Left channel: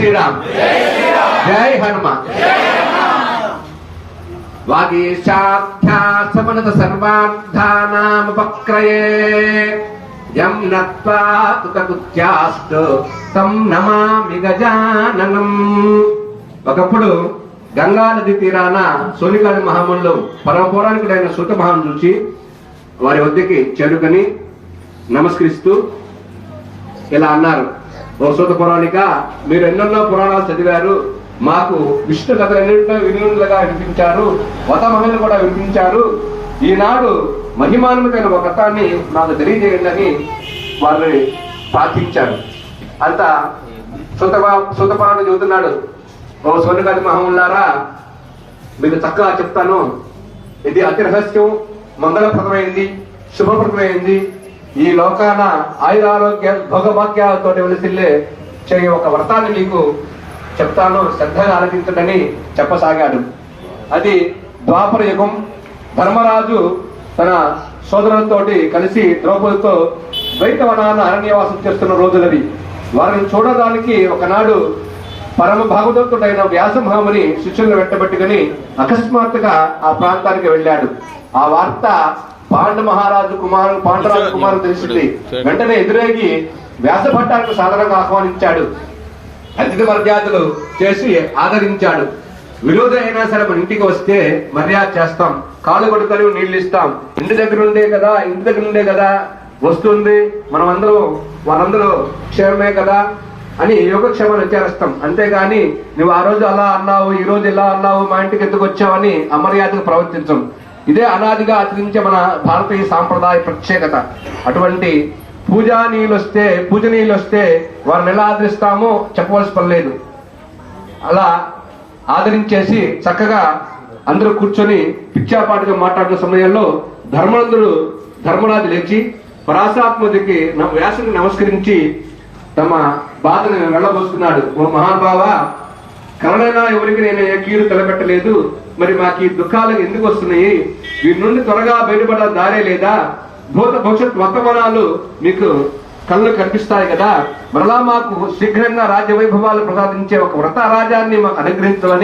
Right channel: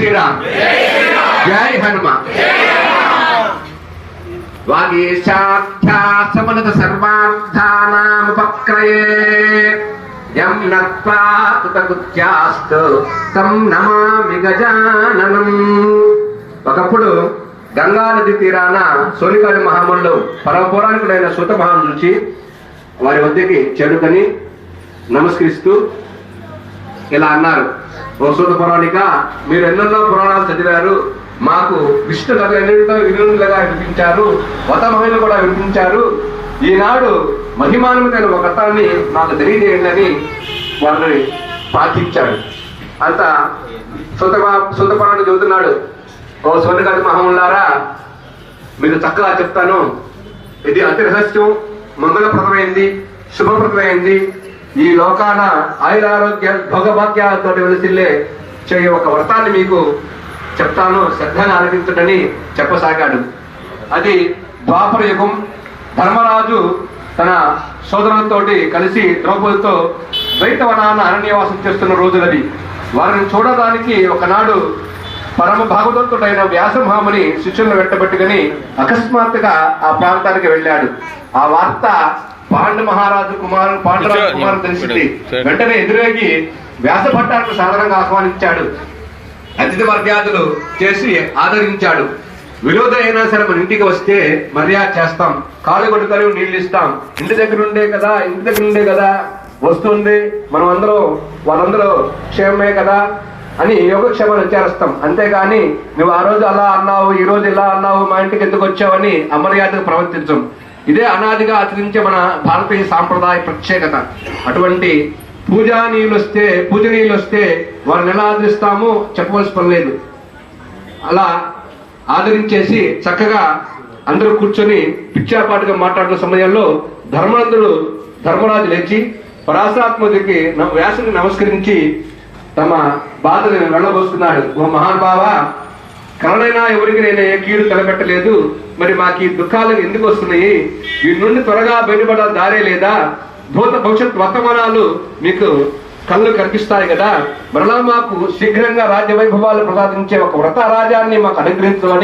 శ్రీరామ్, జై హనుమాన్. వాగీశార్థ్యాసమనత సర్వార్థానాముపక్రయే యం నత్వా కృతకృత్యాస్తు తం నమామి గజాననం. ఒకప్పుడు గంగా నది తీరాన సోనిగాడి మహాములు పరమ పౌరాణికుడైన సూత మహాను చూచి వారి వద్దకి చేరుకొని నమస్కరిస్తూ ఇలా అన్నారు, ఓ సూత పౌరాణిక, మీరు ఎన్నెన్నో పురాణాలు చదివారు, మాకు విష్ణు కథలు ఎన్నెన్నో విధులుగా వినిపించారు, వత మహిళలు కూడా వినిపించారు. ఈనాడు మహిమాన్వితమైన ఒక కథాన్ని నాకు తెలియజేయండి అని వారిని ప్రార్థించాడు. అంత సూత పౌరాణిక చెబుతున్నాడు, ఓ సోనిగాది మహాములారా, మీకు చక్కగా చెప్తాను. ఇది అతి రహస్యం, మంగళప్రదమైంది, శుభప్రదమైంది. ఈ లోకాన ఆయురారోగ్య భోగభాగ్యాలతో వెలిసిల్లే చేయ ఒక వ్రతాన్ని మీకు చెప్తాను, శ్రద్ధగా ఆలకించడని చెప్పసాగాడు. అది ద్వాపర యుగం. ధర్మరాజు తన సోదరులతోటి కలిసి ద్రౌపదితో ద్వైతవనాన్ని అరణ్యవాసం చేస్తున్న రోజులది. వారిని చూడడానికి ఒకనాడు పరమ భాగవతుడైన వ్యాసమహాముని శిష్యులను వెంటబెట్టుకుని అకస్మాత్తుగా ఆ ప్రాంతానికి వెళ్ళాడు. ఆ వార్త పాండు మహారాజు పాండురాజు కుమారుడు తెలిసింది. వెంటనే ఎదురేగి వ్యాస భట్టానికి సాధారణంగా ఆహ్వానించాడు. అతిథి మర్యాదలు చేసి ఆదరించాడు. విరోధ అయినా సరే మన ఇంటికి వస్తే మర్యాద చేస్తాం, కాలు కొడుకొని నీళ్లు ఇస్తాం. ఇంటి దగ్గర ఉండే కదా వస్తుంది, మనం అందరూ వాళ్ళందరూ క్షేమమే కదా అని యోగక్షేమాలు విచారిస్తాం. అంతేగాని నువ్వు ఆ రోజు అలా అన్నావు, ఈ రోజు ఇలా అన్నావు, మా ఇంటికి ఎందుకు వచ్చావని అమర్యాదగా ప్రవర్తించం. ఇదే అనాదిగా ఆచరించే మన భారతీయ సాంప్రదాయ ప్రత్యేకత. అటువంటి పూజనీయులు వస్తే వారిని ఎలా ఆదరిస్తామో చెప్పవలసిన పని లేదు. అలా ఆదరించేసి చక్కగా అందరూ కూర్చొని పిచ్చాపాటుగా మాట్లాడుతున్న సమయంలో ధర్మరాజు లేచి పరాశరాత్మకి వ్యాసుని నమస్కరించి తమ బాధని వెళ్ళబోస్తున్నాడు. ఓ మహానుభావ, కరుణైనా ఎవరికి నేను ఏ కీడు తలపెట్టలేదు, మరి మాకు ఈ దుఃఖాలు ఎందుకు వస్తున్నాయి? వీటి నుండి త్వరగా బయటపడే దారే లేదా? భూత భవిష్యత్ వర్తమానాలు మీకు కళ్ళు కనిపిస్తాయి కదా, మరలా మాకు శీఘ్రంగా రాజ్య వైభవాలు ప్రసాదించే ఒక వ్రత రాజ్యాన్ని మాకు అనుగ్రహించమని